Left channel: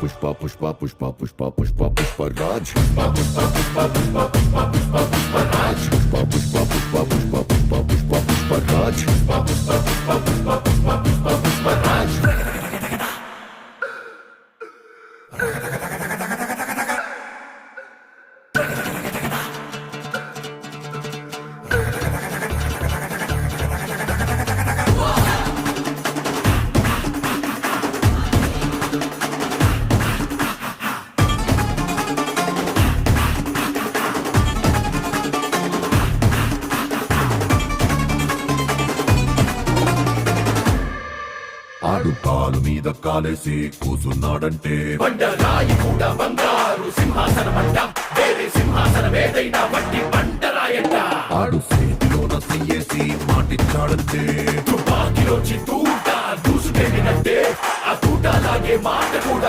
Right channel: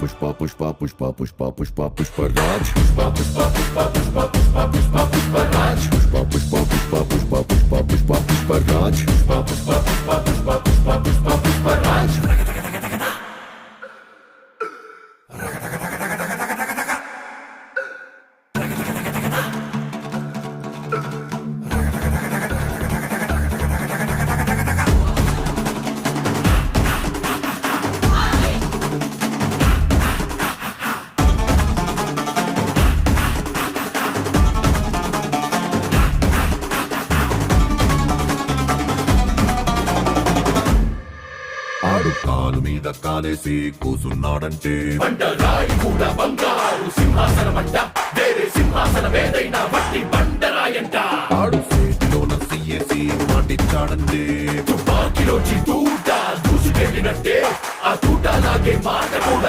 పుష్ప పుష్ప పుష్ప పుష్ప పుష్ప పుష్పరాజ్ పుష్ప పుష్ప పుష్ప పుష్ప పుష్ప పుష్ప పుష్పరాజ్ పుష్ప పుష్ప పుష్ప పుష్ప పుష్ప పుష్ప పుష్పరాజ్ పుష్ప పుష్ప పుష్ప పుష్ప పుష్ప పుష్ప పుష్పరాజ్ ఆడు కాలు మీద కాలేసి కూసున్నాడంటే బండరాయి మూడ బంగారు సింహాసనమంట వేరే సింహాసనమేదైనా మట్టి బండరాయంట ఆడు చేతిలోన సీయేసి మాటిచ్చాడంటే తుపాకిలో చిత్తూట దూసుకెళ్ళినట్టే ఆ తూట లాగే మాట